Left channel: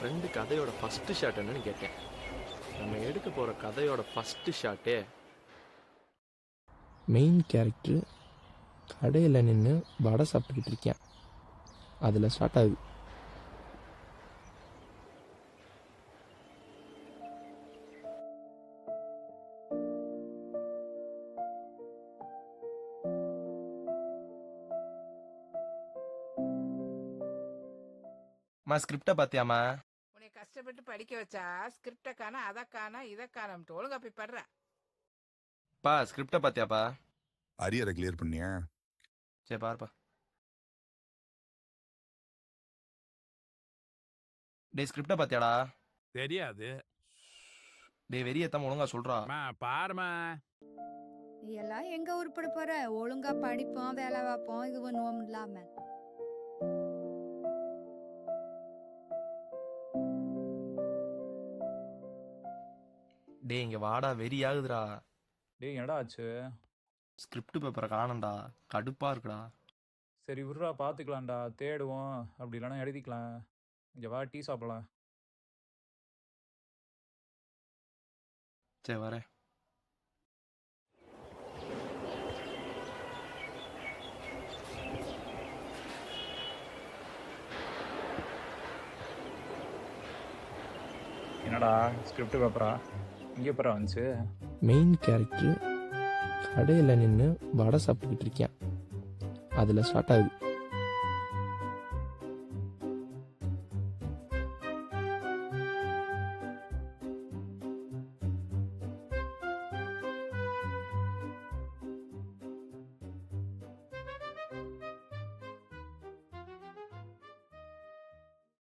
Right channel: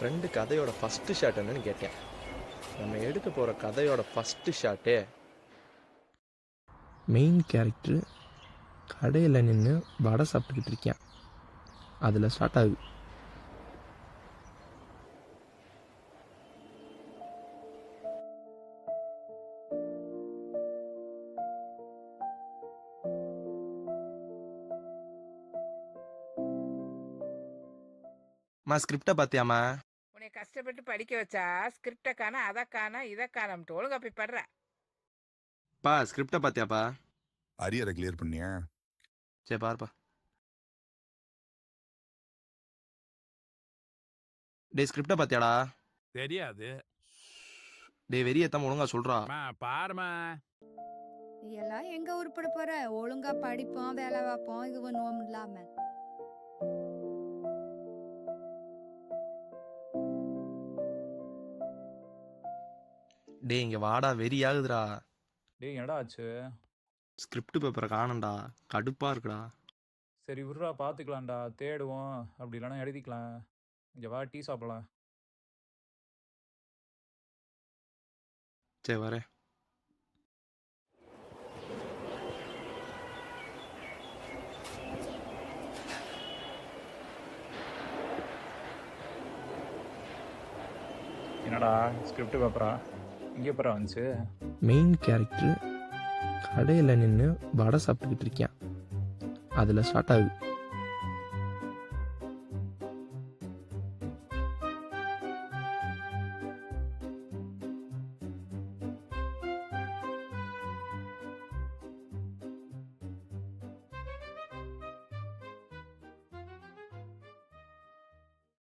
Friend கதையோட first shot என்னன்னு கேட்டேன். நம்ம எடுக்க போகிற கதையோட ஃபஸ்ட்டு ஷாட்டே மெயின் கேரக்டரு கடையில் நின்று வடை சாப்பிட்டுக்கிட்டு இருக்கேன். அதில் ஸ்டார்ட் ஆகுது. ஸ்கிரிப்டை பார்த்தியாமா? உன்னை கஷ்டப்பட்டு படிக்க வச்சா ஸ்கிரிப்டை காண அதை காண இதை காணம்ட்டு ஒழுங்கா போய் படுற. பா ஸ்கிரிப்டை பார்த்தியாப்பா? அரியரை கிளியர் பண்ணியா? சரி பாருப்பா. டே ஸ்கிரிப்டை பார்த்தியாடா? தெரியாது. டே வெறியத்தாம ஒழுங்கா சொல்றா. பாருமா. நீ எல்லாம் எங்க உருப்பட போற? ஒழுங்கா படிப்போம், வேலை வைப்போம், இது பண்ணுவோம் இல்லாம. டே இங்க வாடா, வெறியாகுதுடா. டேய் என்னடா ஆச்சு? ஸ்கிரிப்ட் பேப்பரை காணண்டா, கடுப்பா இருக்குடா. சரி விட்றா, பார்த்துக்கலாம்டா, தேடுவோம். அப்படி இல்லைன்னா எழுதிக்கலாம். இங்கே வா, டீ சாப்பிடலாம். சரி வரேன். என்னடா ஸ்கிரிப்ட் பேப்பரா? இங்கே பேப்பரா வந்துச்சு? மெயின் கேரக்டரு கடையில் நின்று வடை சாப்பிட்டுக்கிட்டு இருக்கேன். அதில் ஸ்டார்ட் ஆகுது.